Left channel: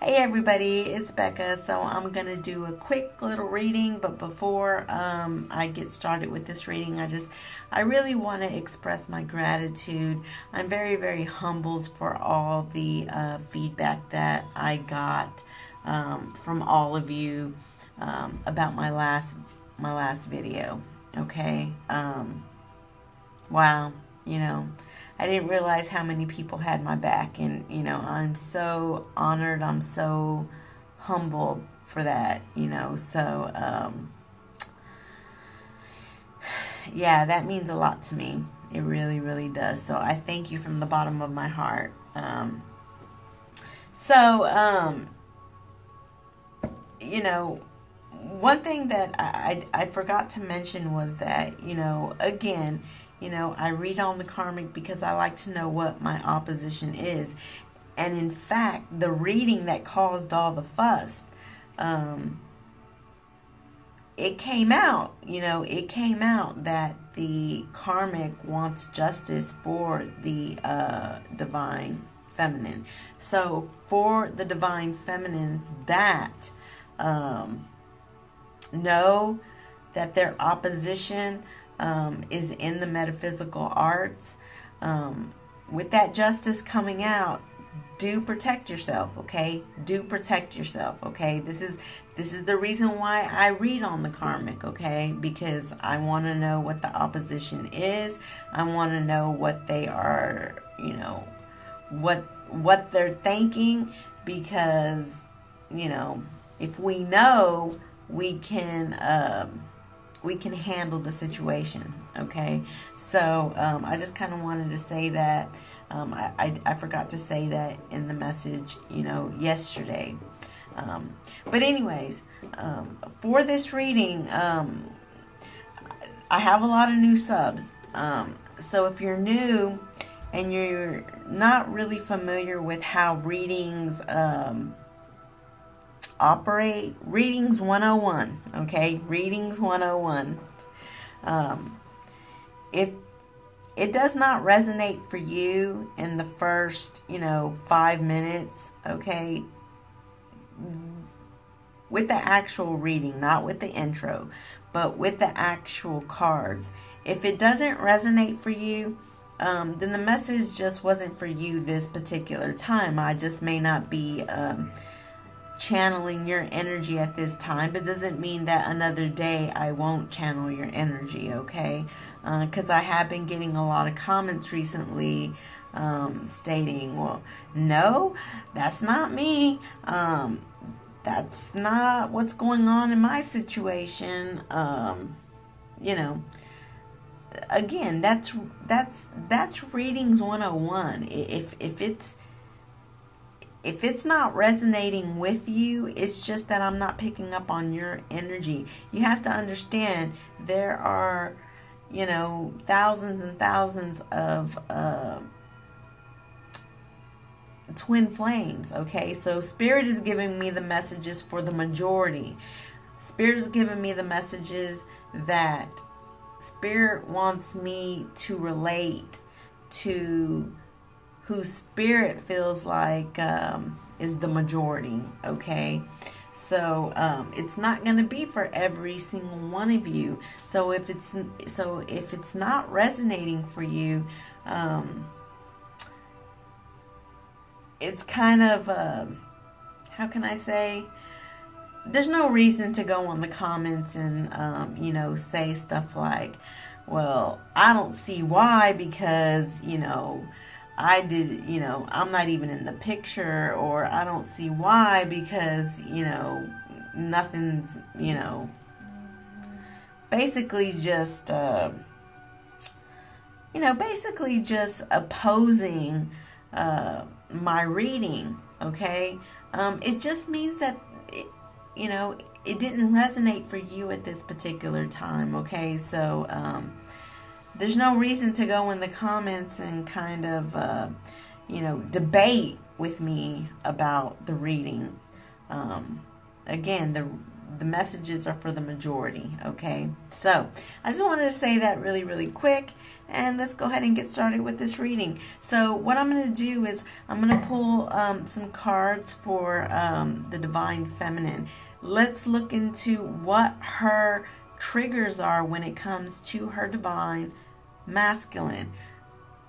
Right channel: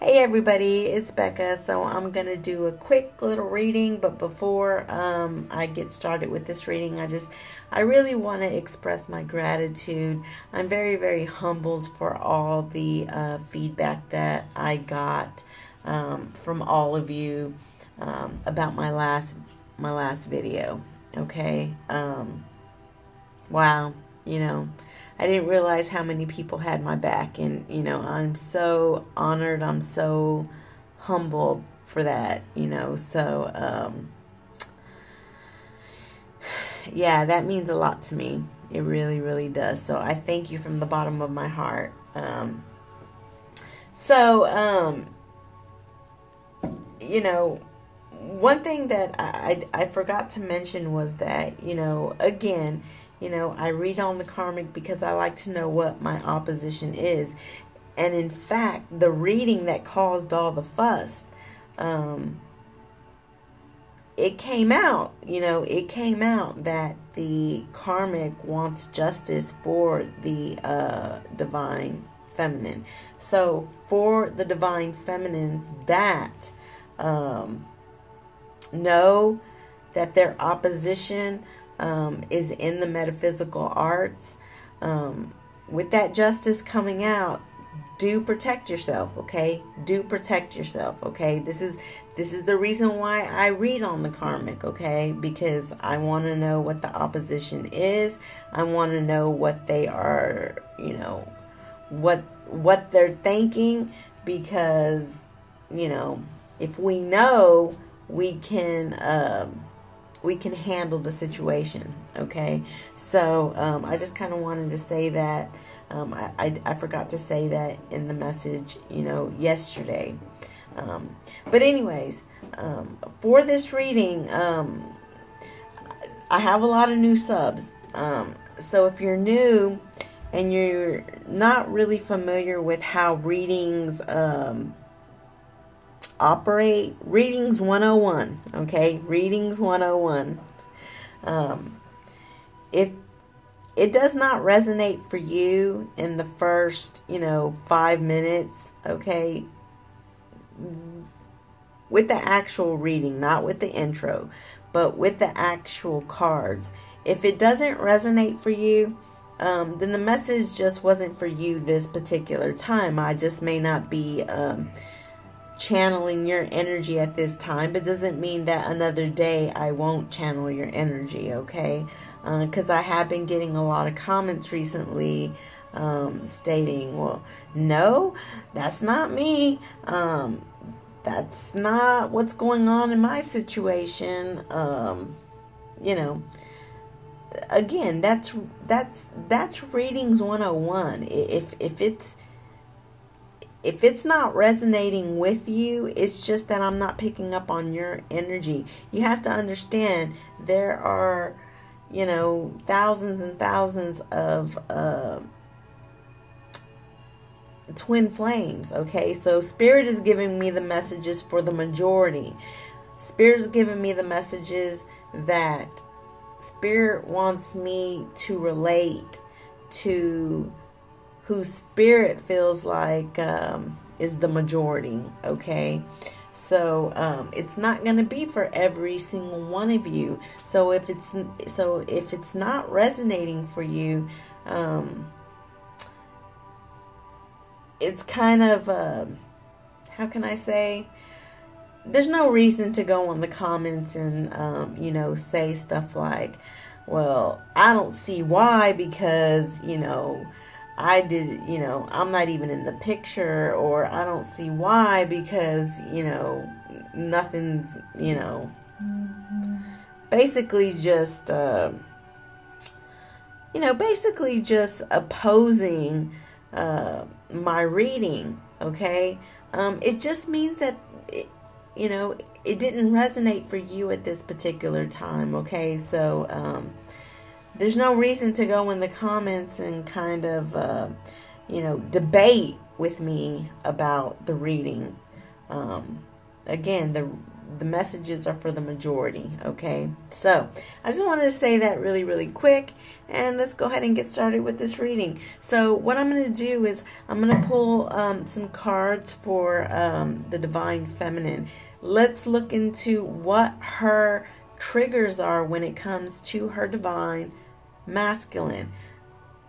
Hey everybody, it's Becca. So I'm going to do a quick little reading, but before I get started with this reading, I really want to express my gratitude. I'm very, very humbled for all the feedback that I got from all of you about my last video. Okay. Wow. I didn't realize how many people had my back, and I'm so honored, I'm so humbled for that, so yeah, that means a lot to me. It really, really does. So I thank you from the bottom of my heart. One thing that I forgot to mention was that, again, I read on the karmic because I like to know what my opposition is. And in fact, the reading that caused all the fuss, it came out, that the karmic wants justice for the divine feminine. So for the divine feminines that know that their opposition is in the metaphysical arts, with that justice coming out, do protect yourself, okay? Do protect yourself, okay? This is the reason why I read on the karmic, okay? Because I want to know what the opposition is. I want to know what they are, what they're thinking, because, if we know, we can handle the situation, okay? So I just kind of wanted to say that. I forgot to say that in the message, yesterday. But anyways, for this reading, I have a lot of new subs. So if you're new and you're not really familiar with how readings operate, Readings 101, okay? Readings 101. If it does not resonate for you in the first, 5 minutes, okay, with the actual reading, not with the intro, but with the actual cards, if it doesn't resonate for you, then the message just wasn't for you this particular time. I just may not be channeling your energy at this time, but doesn't mean that another day I won't channel your energy, okay? Because I have been getting a lot of comments recently stating, well, no, that's not me. That's not what's going on in my situation. Again, that's Readings 101. If it's not resonating with you, it's just that I'm not picking up on your energy. You have to understand there are, thousands and thousands of twin flames, okay? So Spirit is giving me the messages for the majority. Spirit is giving me the messages that Spirit wants me to relate to who Spirit feels like is the majority, okay? So it's not going to be for every single one of you. So if it's not resonating for you, it's kind of how can I say? There's no reason to go on the comments and say stuff like, well, I don't see why, because I did, I'm not even in the picture, or I don't see why because, nothing's, basically just, basically just opposing my reading, okay? It just means that, it didn't resonate for you at this particular time, okay? So, there's no reason to go in the comments and kind of, debate with me about the reading. again, the messages are for the majority, okay? So, I just wanted to say that really, really quick, and let's go ahead and get started with this reading. So, what I'm going to do is, I'm going to pull some cards for the Divine Feminine. Let's look into what her triggers are when it comes to her Divine Masculine.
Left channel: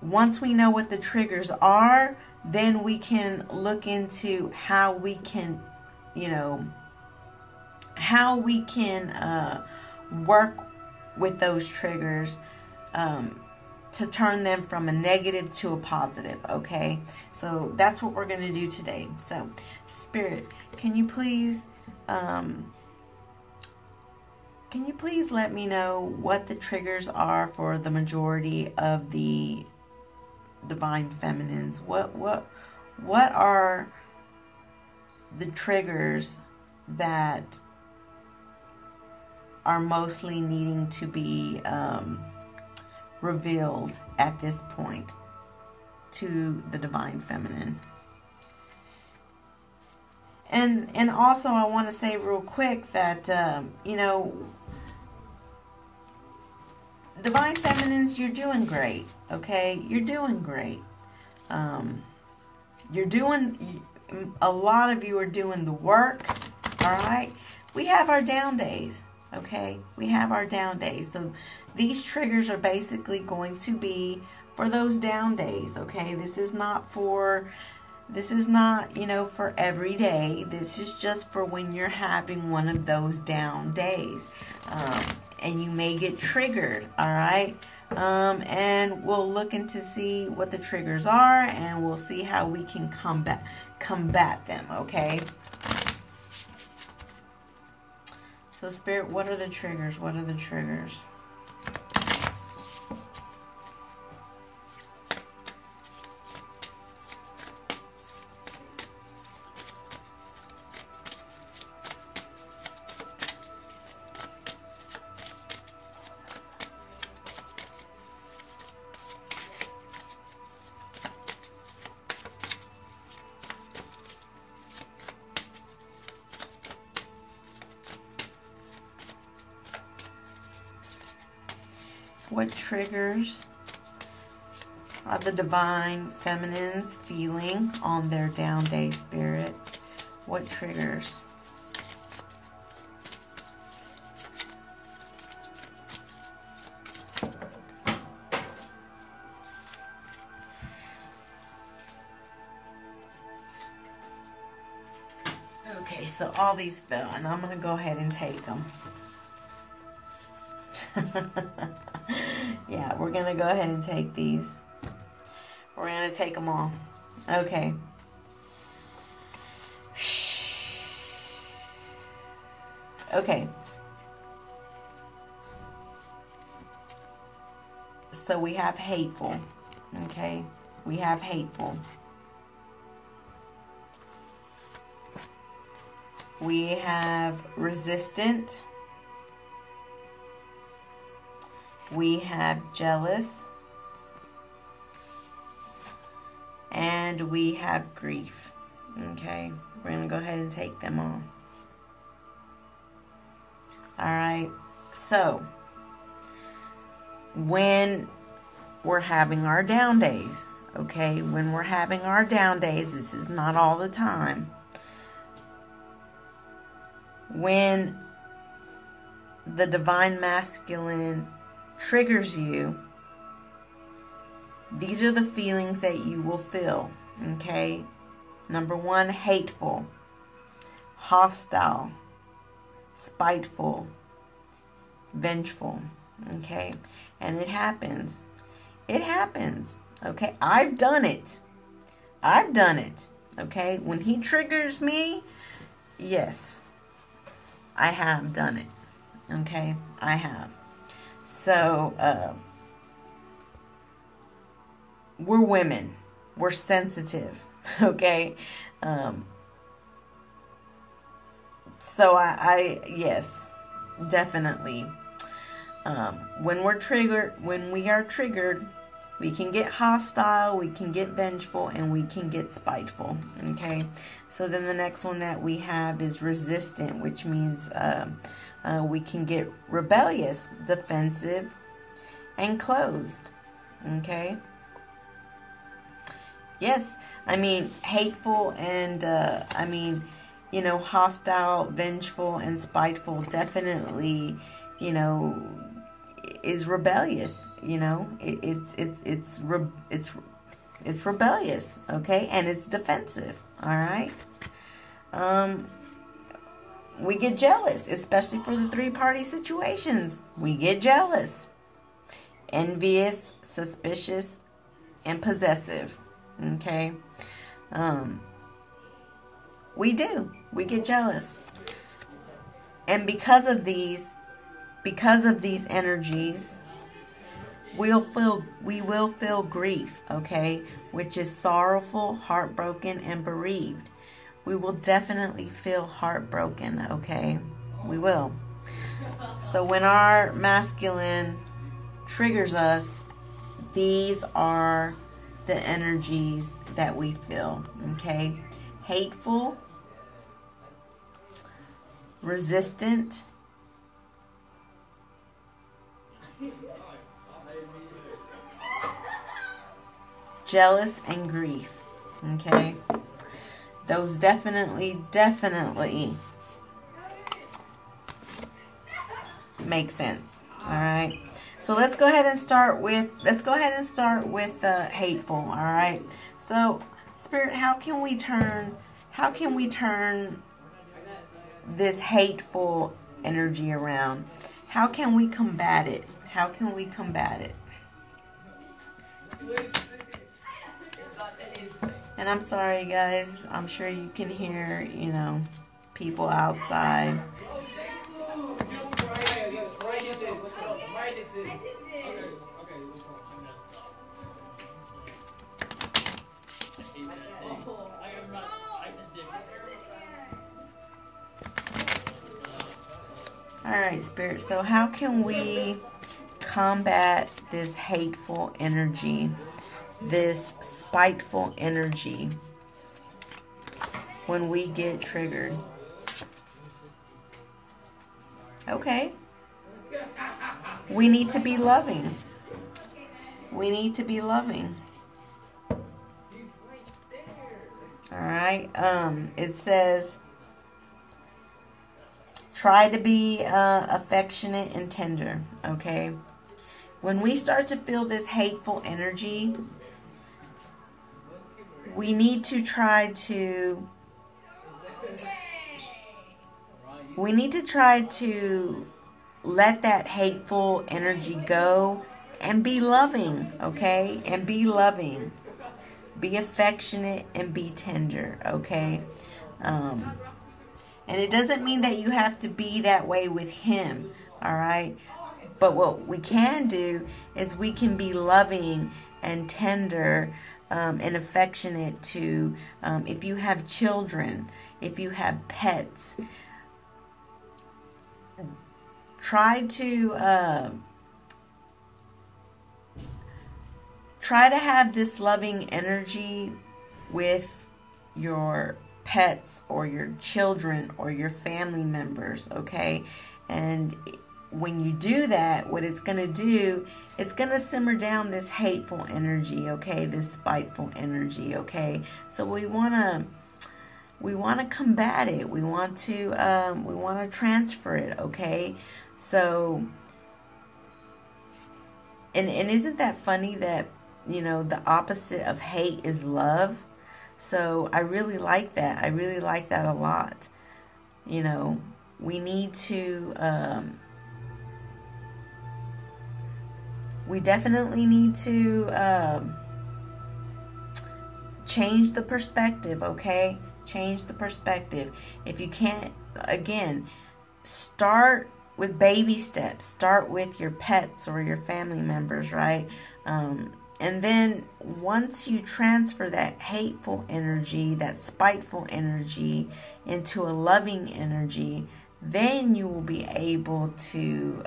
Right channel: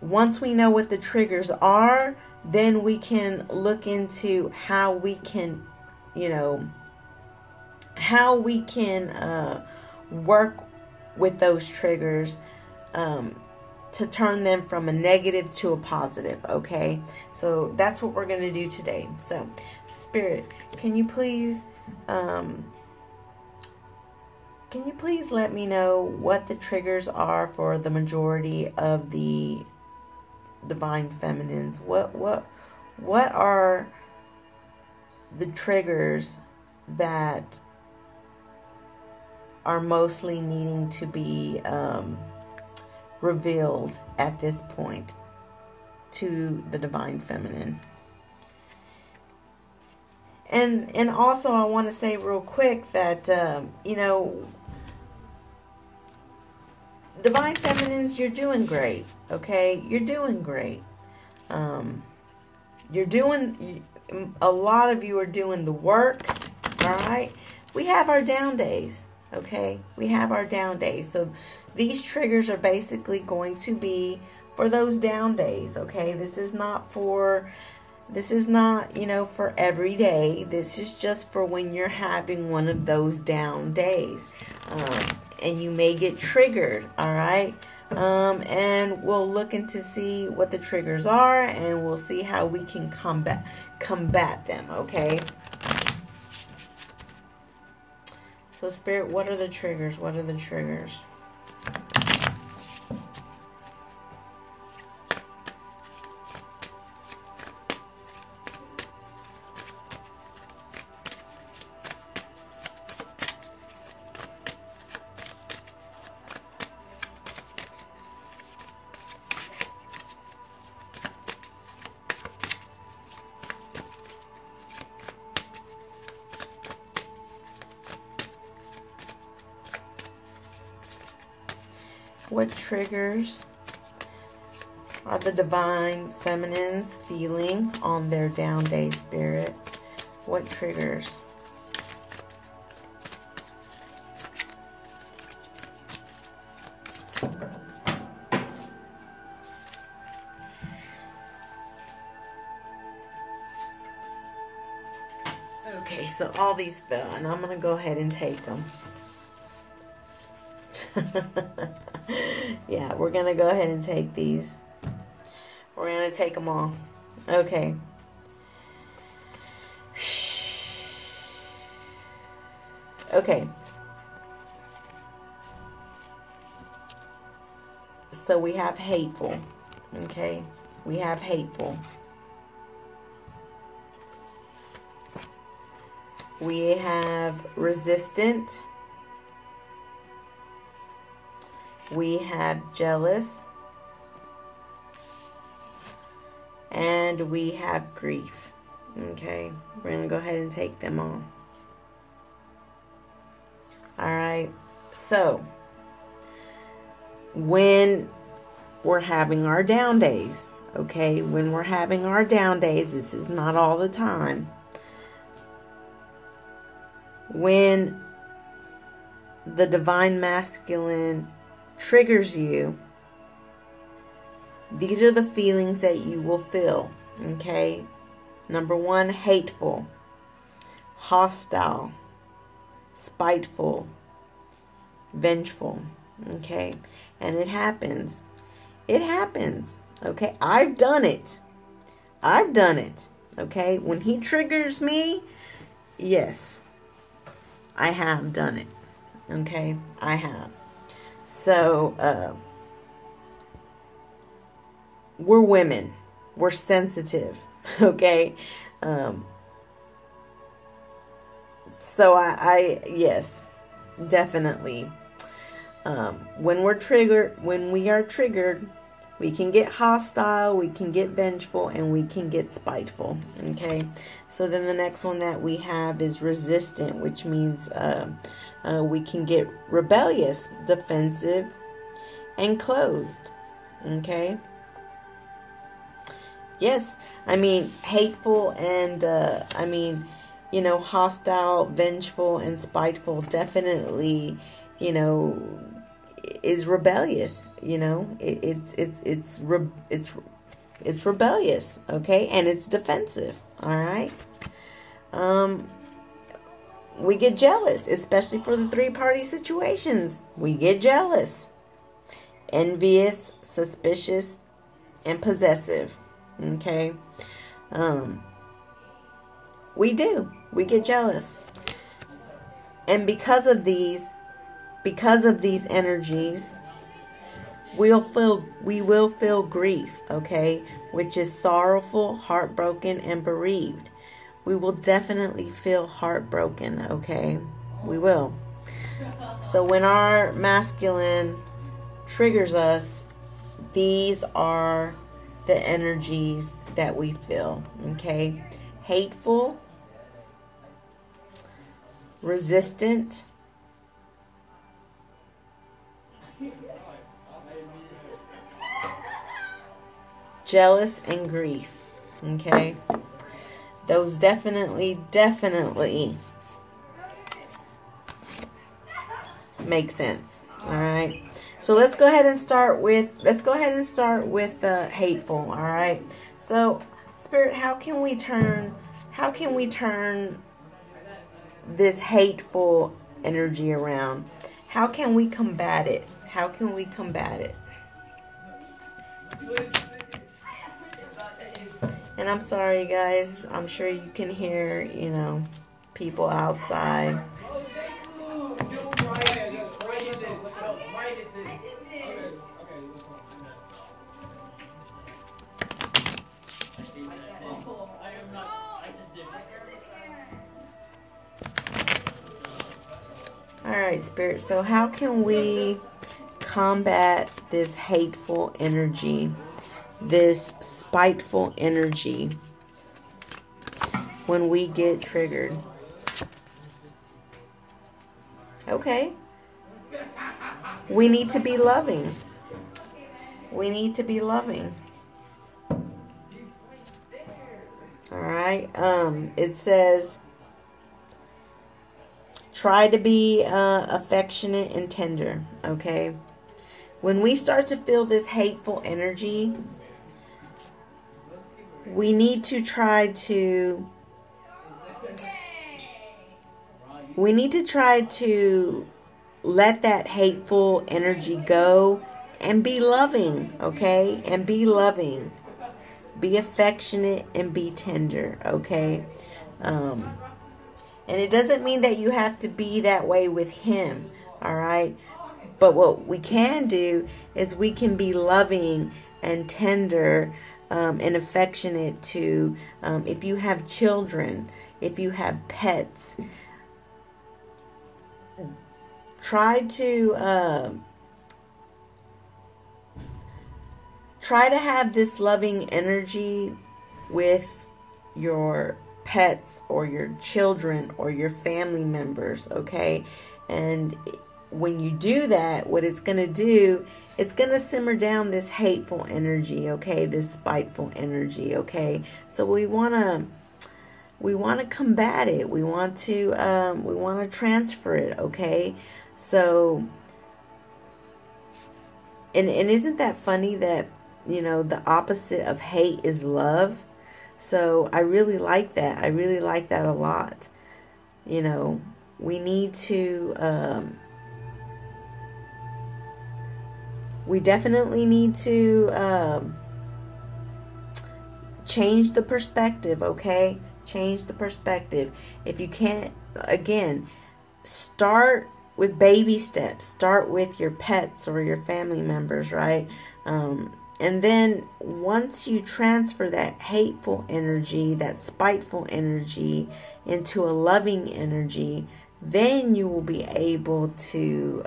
Once we know what the triggers are, then we can look into how we can, how we can work with those triggers to turn them from a negative to a positive, okay? So that's what we're going to do today. So, Spirit, can you please let me know what the triggers are for the majority of the Divine Feminines? What are the triggers that are mostly needing to be revealed at this point to the Divine Feminine? And also, I want to say real quick that Divine Feminines, you're doing great, okay? You're doing great. A lot of you are doing the work, all right? We have our down days, okay? We have our down days. So these triggers are basically going to be for those down days, okay? This is not, for every day. This is just for when you're having one of those down days. And you may get triggered, all right? And we'll look into see what the triggers are, and we'll see how we can combat them, okay? So, Spirit, what are the triggers? What are the triggers? What triggers are the Divine Feminines feeling on their down day, Spirit? What triggers? Okay, so all these fell, and I'm going to go ahead and take them. Yeah, we're going to go ahead and take these. We're going to take them all. Okay. Okay. So we have hateful. Okay. We have hateful. We have resistant. We have jealous. And we have grief. Okay. We're going to go ahead and take them all. Alright. So, when we're having our down days, okay, when we're having our down days, this is not all the time. When the Divine Masculine triggers you, these are the feelings that you will feel, okay? Number one, hateful, hostile, spiteful, vengeful, okay? And it happens. It happens, okay? I've done it. I've done it, okay? When he triggers me, yes, I have done it, okay? I have. So, we're women. We're sensitive, okay? So yes, definitely. When we are triggered, We can get hostile, we can get vengeful, and we can get spiteful. Okay, so then the next one that we have is resistant, which means we can get rebellious, defensive, and closed. Okay. Yes, I mean, hateful and, you know, hostile, vengeful, and spiteful definitely, you know, is rebellious. You know, it's rebellious, okay, and it's defensive. All right. We get jealous, especially for the three-party situations. We get jealous, envious, suspicious, and possessive. Okay. We get jealous. And because of these energies, we will feel grief, okay, which is sorrowful, heartbroken, and bereaved. We will definitely feel heartbroken, okay? We will. So when our masculine triggers us, these are the energies that we feel, okay? Hateful, resistant, jealous, and grief, okay? Those definitely make sense. All right. So let's go ahead and start with hateful. All right. So Spirit, how can we turn this hateful energy around? How can we combat it? How can we combat it? And I'm sorry, guys. I'm sure you can hear, you know, people outside. All right, Spirit. So how can we combat this hateful energy, this spiteful energy when we get triggered? Okay. We need to be loving. We need to be loving. All right. It says, try to be affectionate and tender. Okay. When we start to feel this hateful energy, we need to try to let that hateful energy go and be loving, okay? And be loving. Be affectionate and be tender, okay? And it doesn't mean that you have to be that way with him, all right? But what we can do is we can be loving and tender and affectionate to, if you have children, if you have pets, try to have this loving energy with your pets or your children or your family members, okay? And when you do that, what it's going to do, it's going to simmer down this hateful energy, okay? This spiteful energy, okay? So we want to combat it. We want to transfer it, okay? So, and isn't that funny that, you know, the opposite of hate is love? So I really like that. I really like that a lot. You know, we need to, we definitely need to change the perspective, okay? Change the perspective. If you can't, again, start with baby steps. Start with your pets or your family members, right? And then once you transfer that hateful energy, that spiteful energy into a loving energy, then you will be able to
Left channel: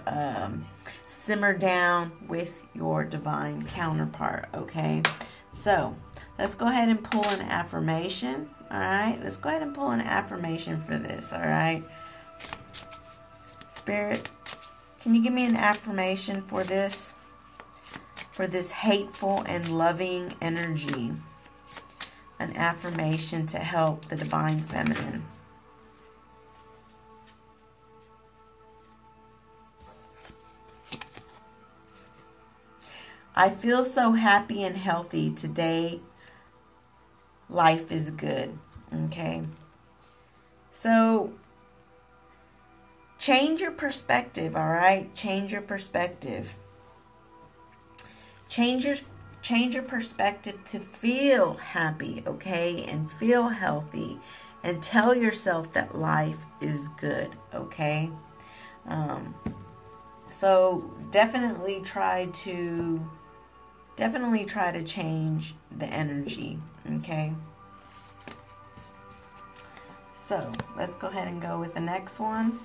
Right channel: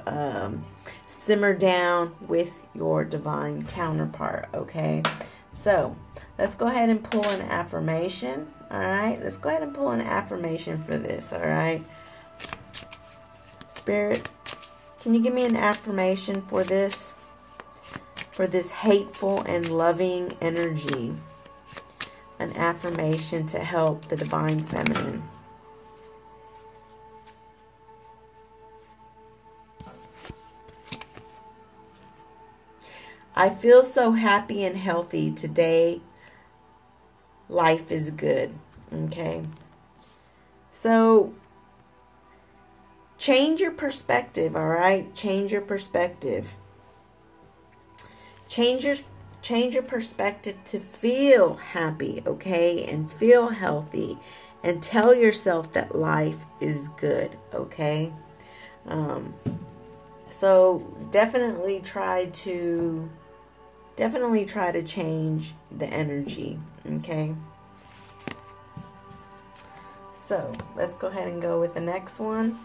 simmer down with your divine counterpart, okay? So let's go ahead and pull an affirmation, all right? Let's go ahead and pull an affirmation for this, all right? Spirit, can you give me an affirmation for this hateful and loving energy? An affirmation to help the divine feminine. I feel so happy and healthy today. Life is good. Okay. So change your perspective, all right? Change your perspective. Change your perspective to feel happy, okay? And feel healthy. And tell yourself that life is good, okay? So definitely try to change the energy, okay? So let's go ahead and go with the next one.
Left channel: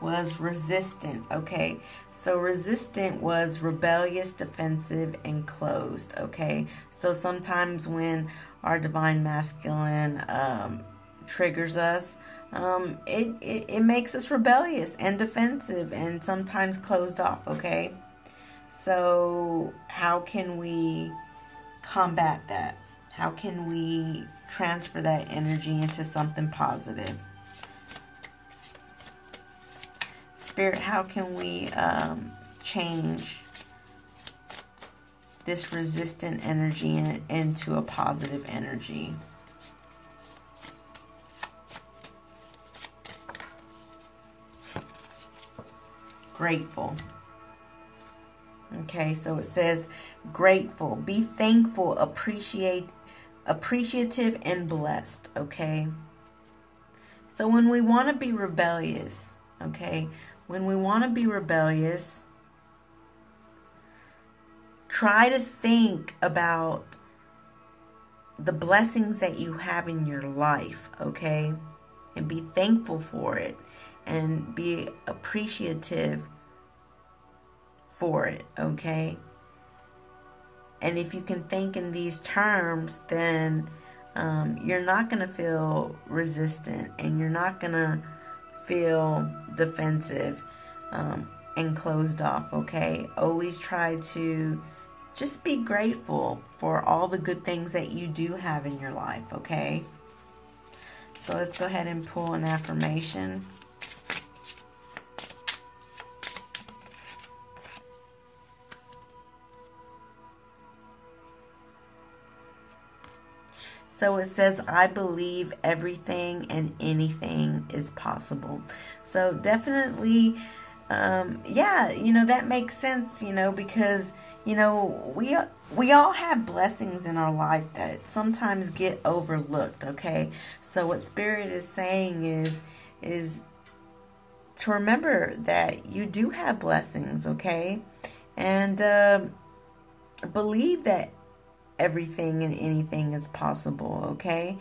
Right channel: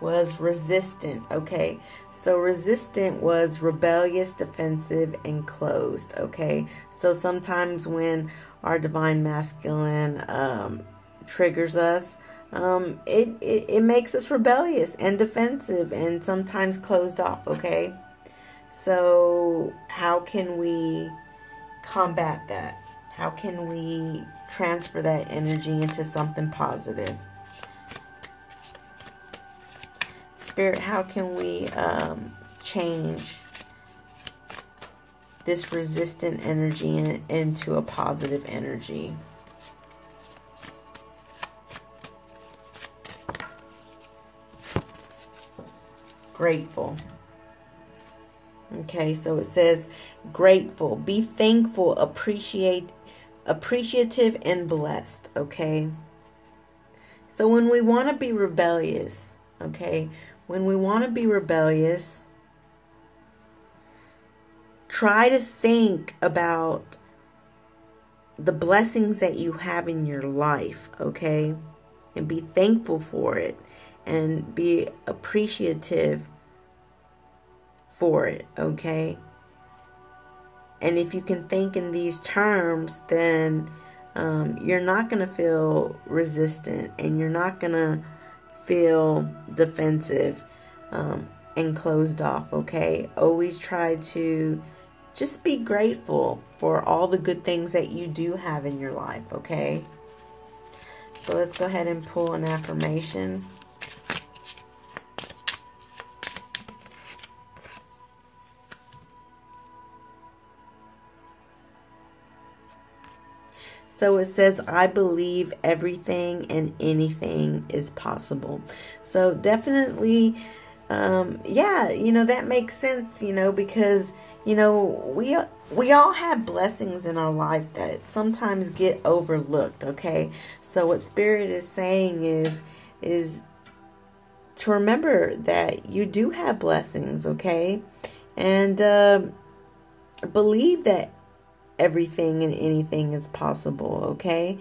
Was resistant, okay? So resistant was rebellious, defensive, and closed, okay? So sometimes when our divine masculine triggers us, it makes us rebellious and defensive and sometimes closed off, okay? So how can we combat that? How can we transfer that energy into something positive? Spirit, how can we change this resistant energy into a positive energy? Grateful. Okay, so it says grateful, be thankful, appreciative, and blessed, okay? So when we want to be rebellious, okay, when we want to be rebellious, try to think about the blessings that you have in your life, okay? And be thankful for it and be appreciative for it, okay? And if you can think in these terms, then you're not going to feel resistant and you're not going to feel defensive and closed off, okay? Always try to just be grateful for all the good things that you do have in your life, okay? So let's go ahead and pull an affirmation. So it says, I believe everything and anything is possible. So definitely, yeah, you know, that makes sense, you know, because, you know, we all have blessings in our life that sometimes get overlooked, okay? So what Spirit is saying is to remember that you do have blessings, okay? And believe that everything and anything is possible, okay?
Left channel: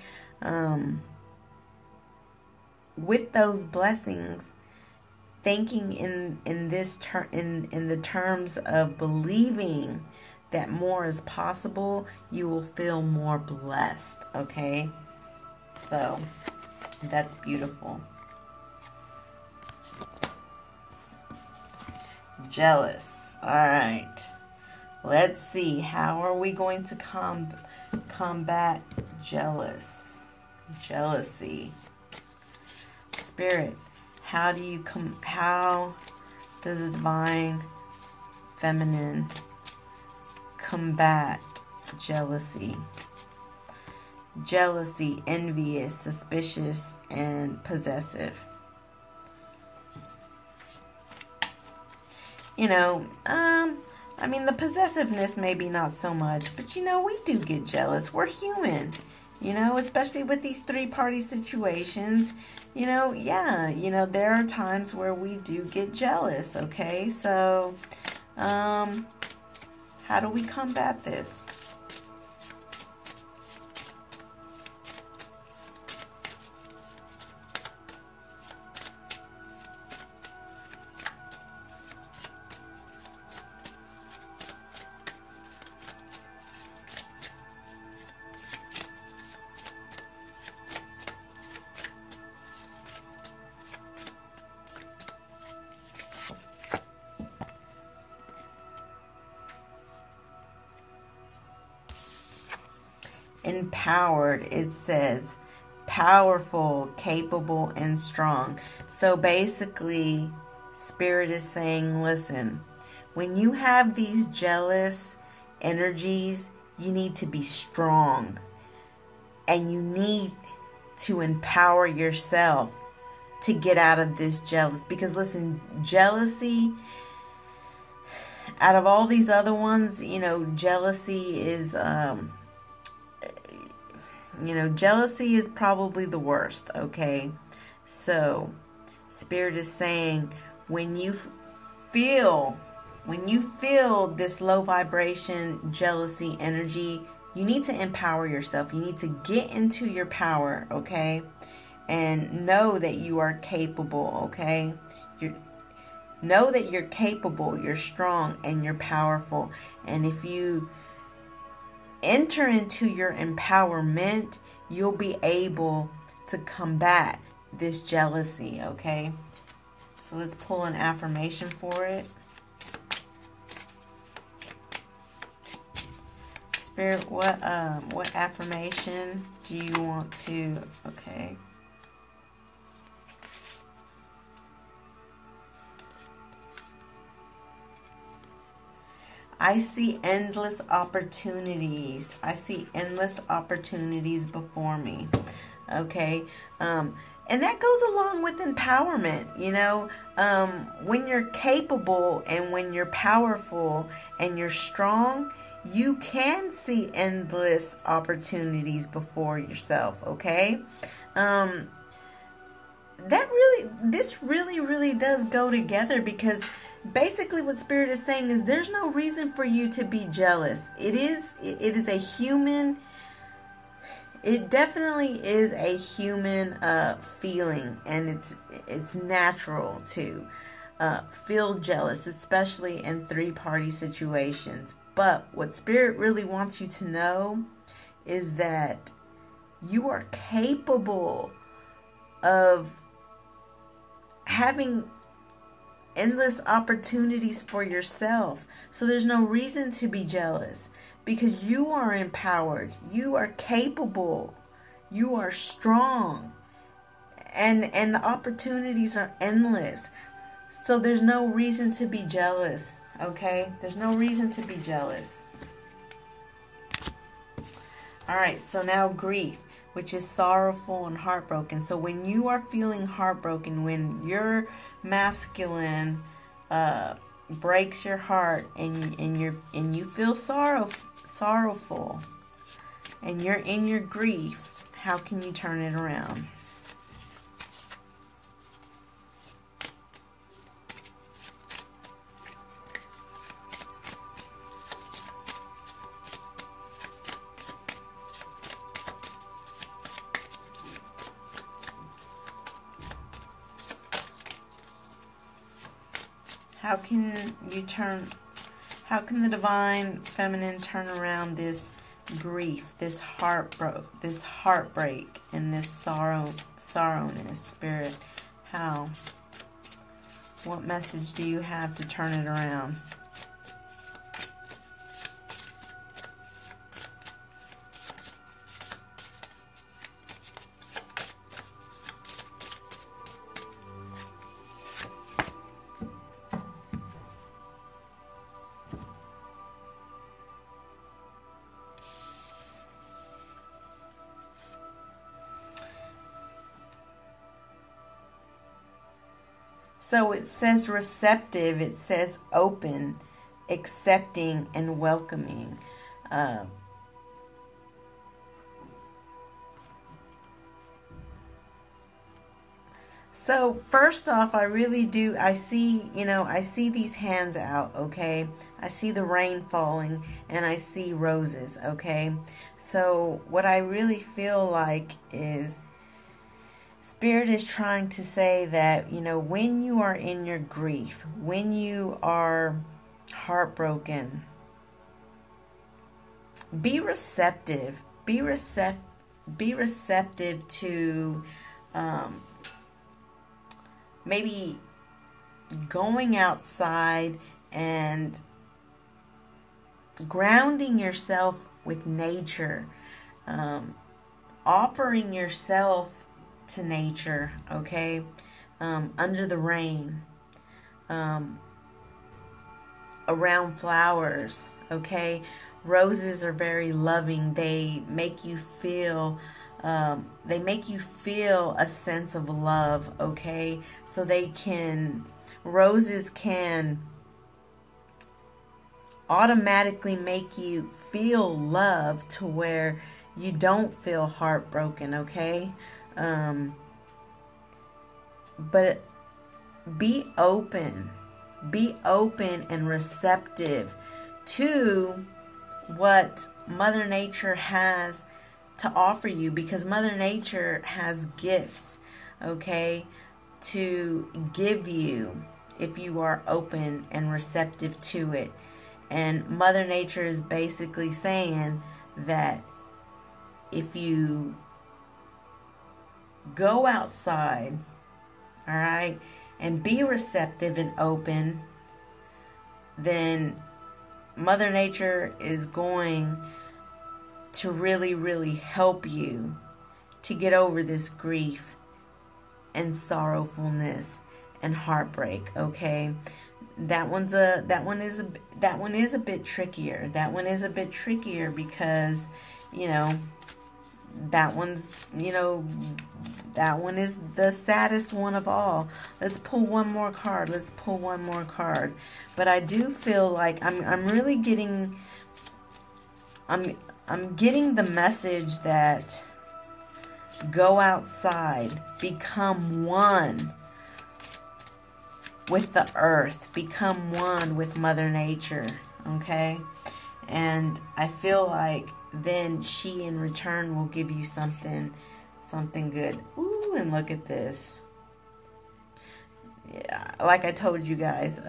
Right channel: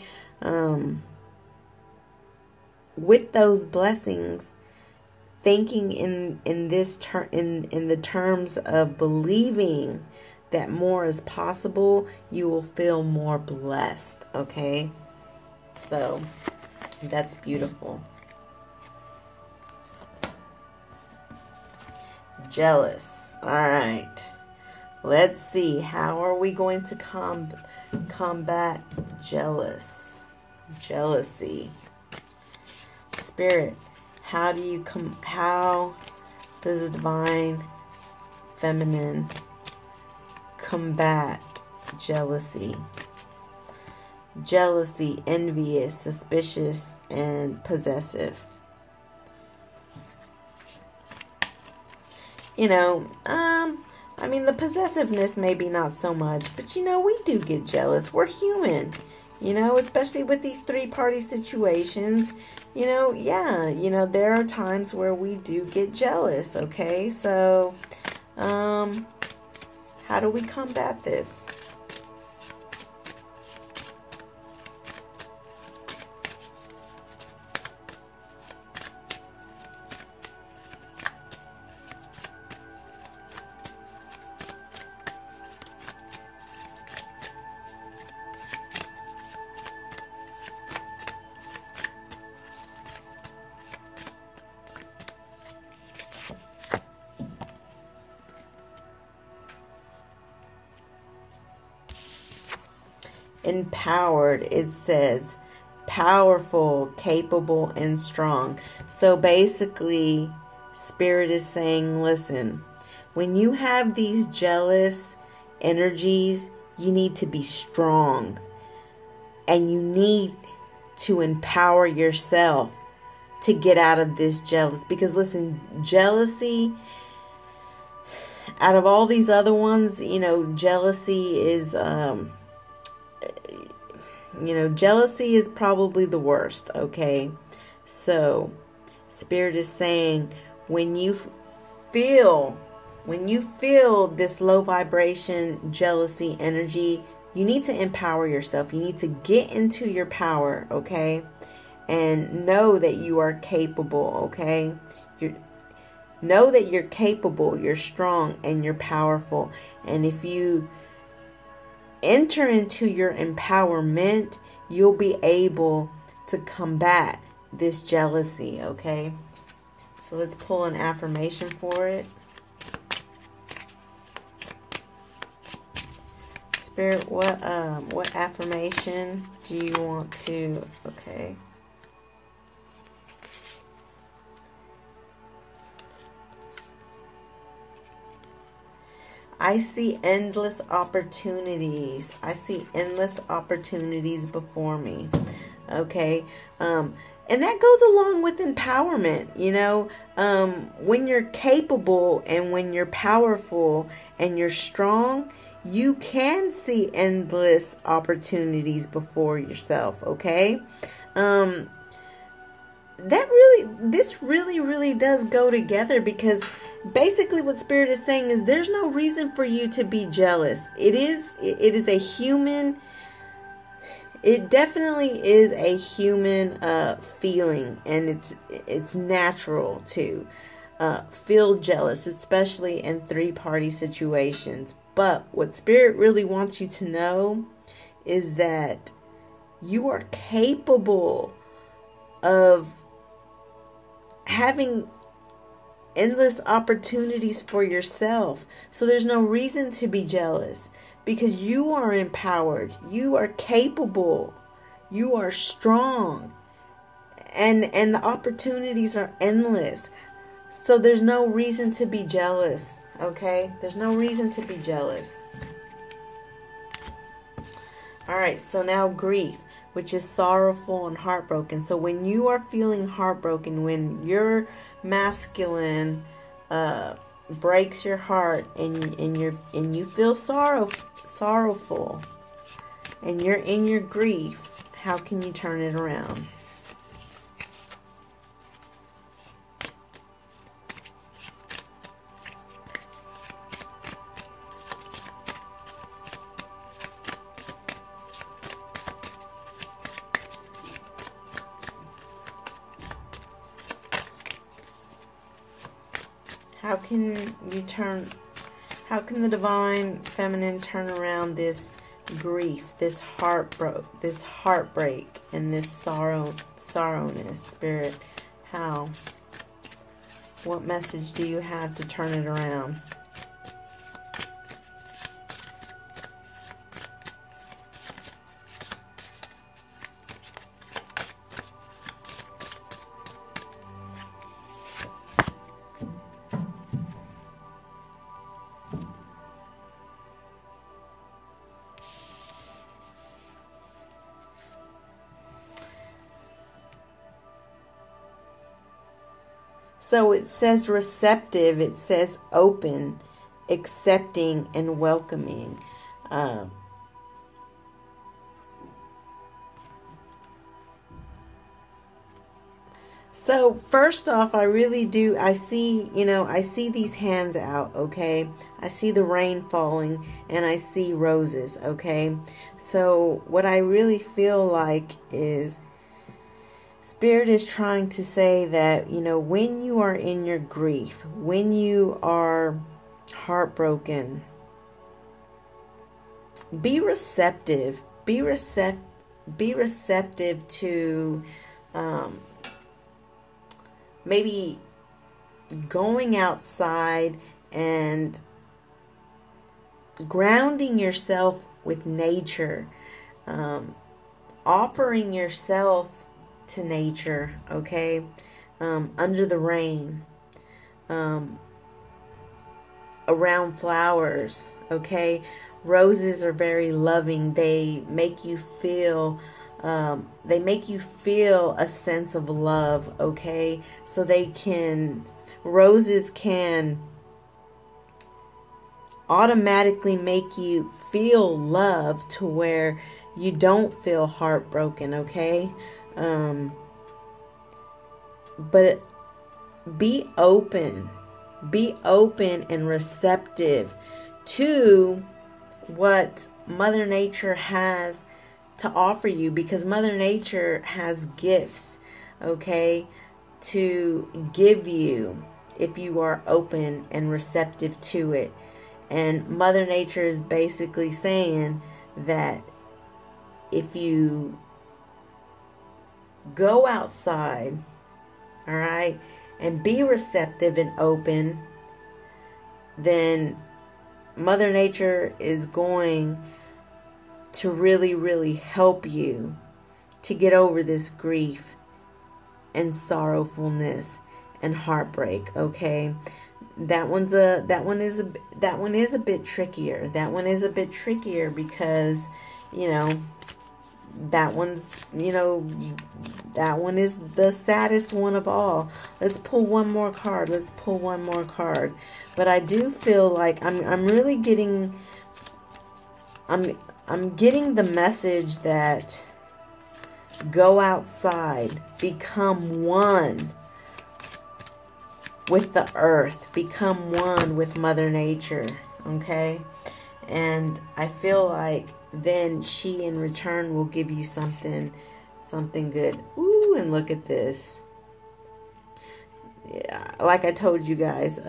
With those blessings, thinking in the terms of believing that more is possible, you will feel more blessed, okay? So that's beautiful. Jealous. All right. Let's see. How are we going to combat jealousy? Spirit, how does the divine feminine combat jealousy? Jealousy, envious, suspicious, and possessive. You know, I mean, the possessiveness maybe not so much, but you know, we do get jealous. We're human, you know, especially with these three-party situations. You know, yeah, you know, there are times where we do get jealous, okay? So, how do we combat this? empowered. It says powerful, capable, and strong. So basically, Spirit is saying, listen, when you have these jealous energies, you need to be strong. And you need to empower yourself to get out of this jealous. Because listen, jealousy, out of all these other ones, you know, jealousy is, jealousy is probably the worst, okay? So, Spirit is saying, when you feel this low vibration, jealousy energy, you need to empower yourself. You need to get into your power, okay? And know that you are capable, okay? Know that you're capable, you're strong, and you're powerful. And if you enter into your empowerment, you'll be able to combat this jealousy, okay? So let's pull an affirmation for it. Spirit, what affirmation do you want to, okay. I see endless opportunities. I see endless opportunities before me. Okay. And that goes along with empowerment, you know. When you're capable and when you're powerful and you're strong, you can see endless opportunities before yourself, okay? This really does go together, because basically what Spirit is saying is there's no reason for you to be jealous. It is a human, it definitely is a human feeling, and it's natural to feel jealous, especially in three-party situations. But what Spirit really wants you to know is that you are capable of having endless opportunities for yourself. So there's no reason to be jealous, because you are empowered, you are capable, you are strong, and the opportunities are endless. So there's no reason to be jealous, okay? There's no reason to be jealous. All right, so now grief, which is sorrowful and heartbroken. So when you are feeling heartbroken, when your masculine breaks your heart, and you feel sorrowful, and you're in your grief, how can you turn it around? How can the divine feminine turn around this grief, this heartbreak, and this sorrowness, Spirit? How? What message do you have to turn it around? So it says receptive, it says open, accepting, and welcoming. So first off, I see these hands out, okay? I see the rain falling, and I see roses, okay? So what I really feel like is Spirit is trying to say that, when you are in your grief, when you are heartbroken, be receptive. Be receptive to maybe going outside and grounding yourself with nature. offering yourself to nature, okay? Under the rain, around flowers, okay? Roses are very loving. They make you feel a sense of love, okay? So roses can automatically make you feel love to where you don't feel heartbroken, okay? But be open and receptive to what Mother Nature has to offer you, because Mother Nature has gifts, okay, to give you if you are open and receptive to it. And Mother Nature is basically saying that if you go outside, all right, and be receptive and open, then Mother Nature is going to really, really help you to get over this grief and sorrowfulness and heartbreak, okay? That one is a bit trickier. That one is a bit trickier because, that one is the saddest one of all. Let's pull one more card. But I do feel like I'm really getting I'm getting the message that go outside, become one with the earth, become one with Mother Nature, okay? And I feel like then she in return will give you something good. Ooh, and look at this. Yeah, like I told you guys,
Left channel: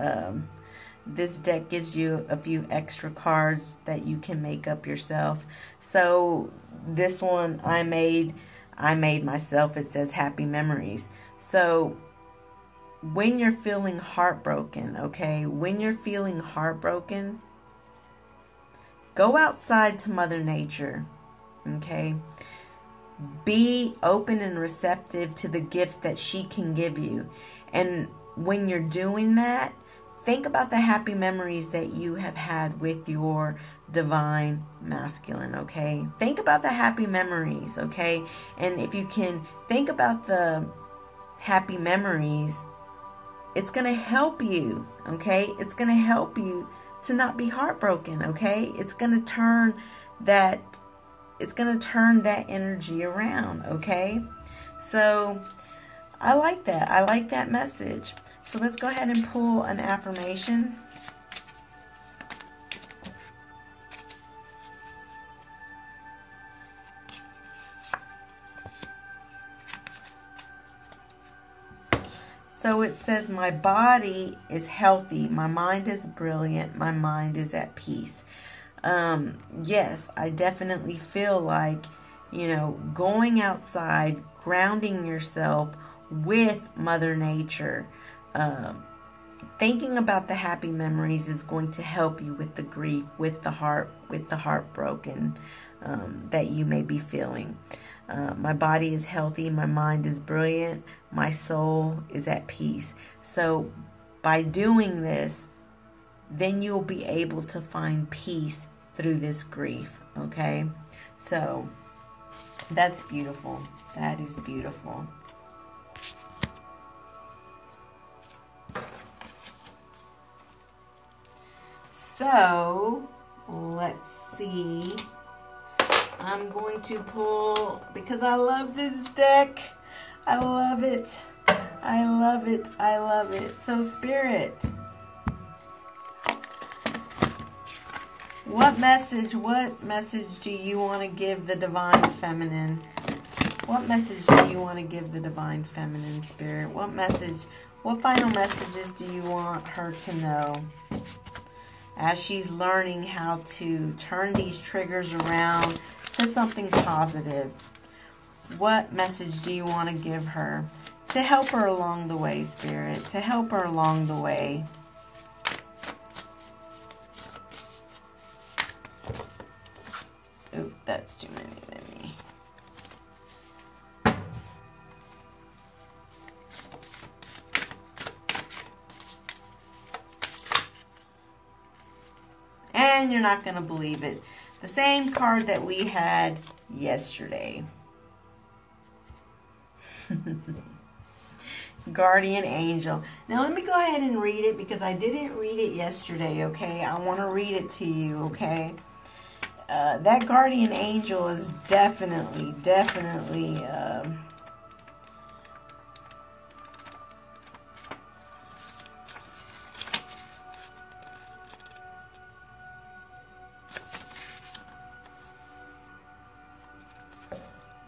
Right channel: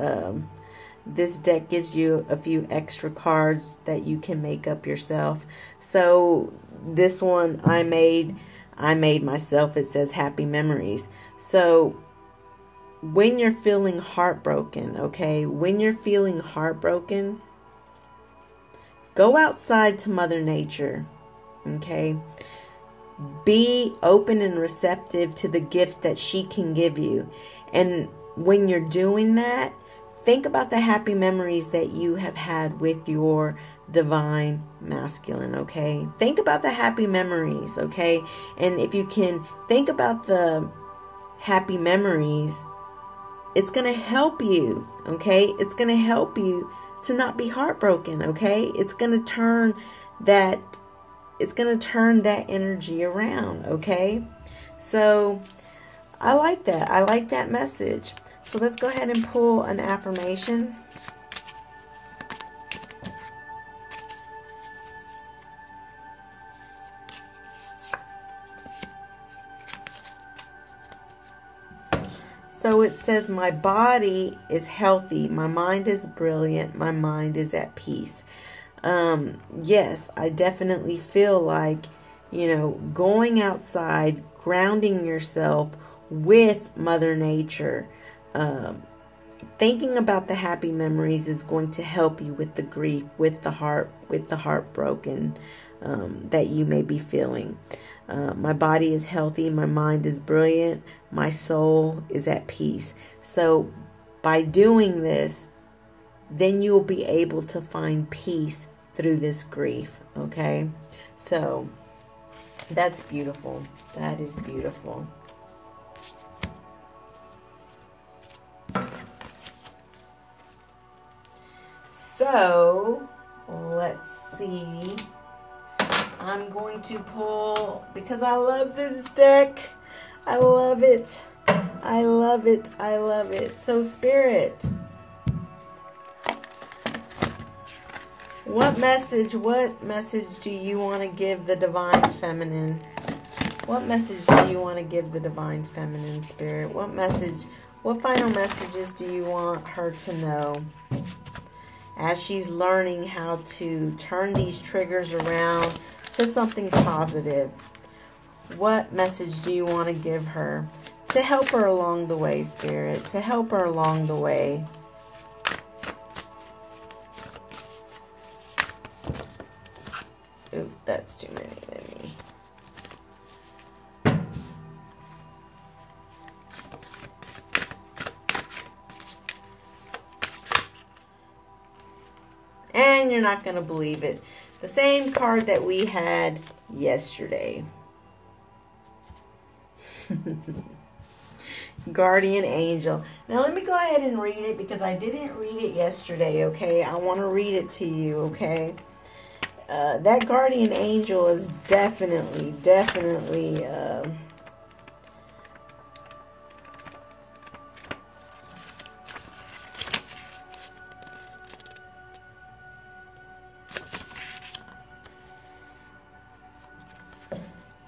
this deck gives you a few extra cards that you can make up yourself. So this one I made myself. It says happy memories. So when you're feeling heartbroken, okay, when you're feeling heartbroken, go outside to Mother Nature, okay? Be open and receptive to the gifts that she can give you. And when you're doing that, think about the happy memories that you have had with your divine masculine, okay? Think about the happy memories, okay? And if you can think about the happy memories, it's going to help you, okay? It's going to help you to not be heartbroken, okay? It's going to turn that energy around, okay? So I like that. I like that message. So let's go ahead and pull an affirmation. So it says, my body is healthy, my mind is brilliant, my mind is at peace. Yes, I definitely feel like, going outside, grounding yourself with Mother Nature, thinking about the happy memories is going to help you with the grief, with the heartbroken that you may be feeling. My body is healthy, my mind is brilliant, my soul is at peace. So by doing this, then you'll be able to find peace through this grief, okay? So that's beautiful. That is beautiful. So let's see. I'm going to pull, because I love this deck. I love it. I love it. I love it. So Spirit, what message do you want to give the Divine Feminine? What message do you want to give the Divine Feminine, Spirit? What final messages do you want her to know as she's learning how to turn these triggers around to something positive? What message do you want to give her to help her along the way, Spirit? To help her along the way. Ooh, that's too many. Let And you're not going to believe it. The same card that we had yesterday. Guardian angel. Now let me go ahead and read it because I didn't read it yesterday, okay? I want to read it to you, okay? That guardian angel is definitely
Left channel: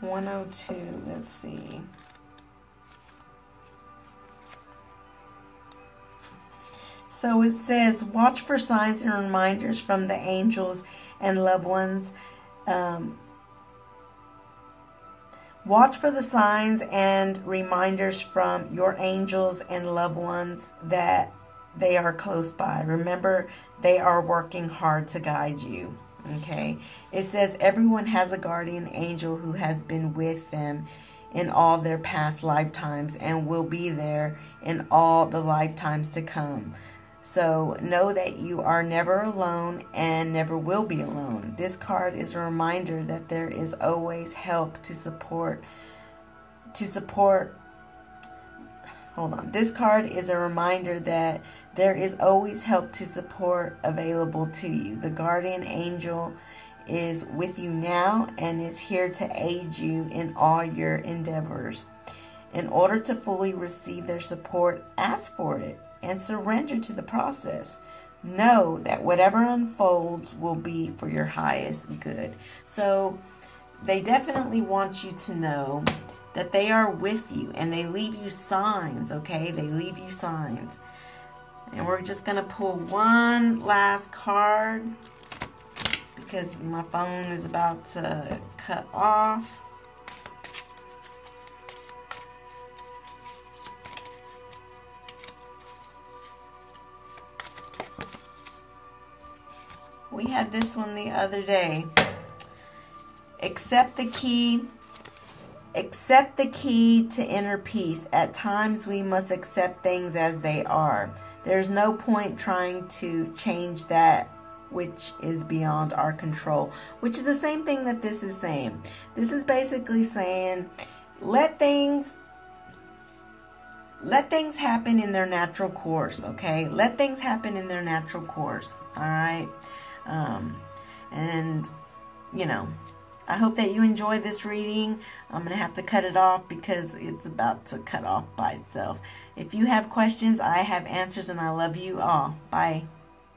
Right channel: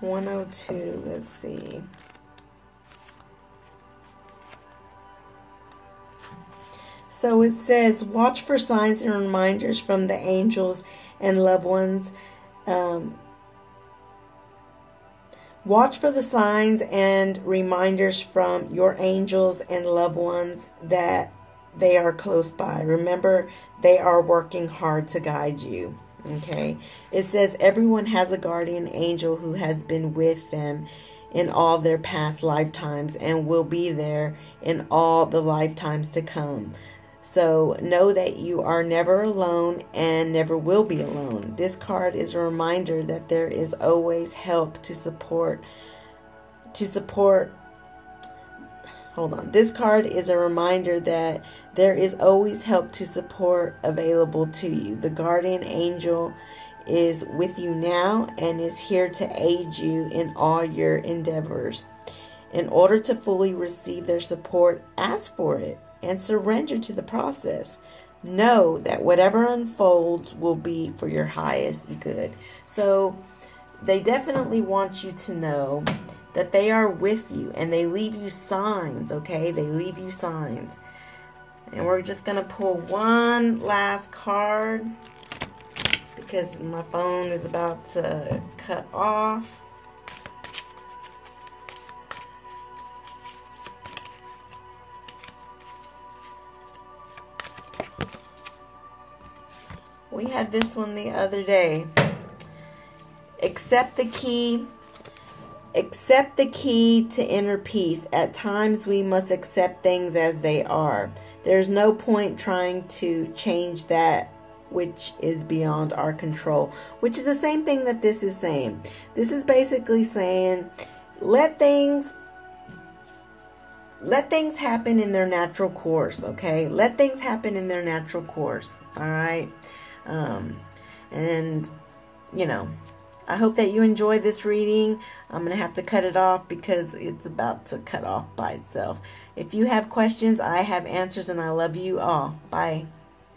102, let's see. So it says, watch for signs and reminders from the angels and loved ones. Watch for the signs and reminders from your angels and loved ones that they are close by. Remember, they are working hard to guide you. Okay. It says everyone has a guardian angel who has been with them in all their past lifetimes and will be there in all the lifetimes to come. So know that you are never alone and never will be alone. This card is a reminder that there is always help to support. Hold on. This card is a reminder that there is always help to support available to you. The guardian angel is with you now and is here to aid you in all your endeavors. In order to fully receive their support, ask for it and surrender to the process. Know that whatever unfolds will be for your highest good. So they definitely want you to know that they are with you and they leave you signs, okay? They leave you signs. And we're just going to pull one last card because my phone is about to cut off. We had this one the other day. Accept the key. Accept the key to inner peace. At times we must accept things as they are. There's no point trying to change that which is beyond our control, which is the same thing that this is saying. This is basically saying, let things happen in their natural course, okay? Let things happen in their natural course, all right? And, you know, I hope that you enjoyed this reading. I'm going to have to cut it off because it's about to cut off by itself. If you have questions, I have answers, and I love you all. Bye.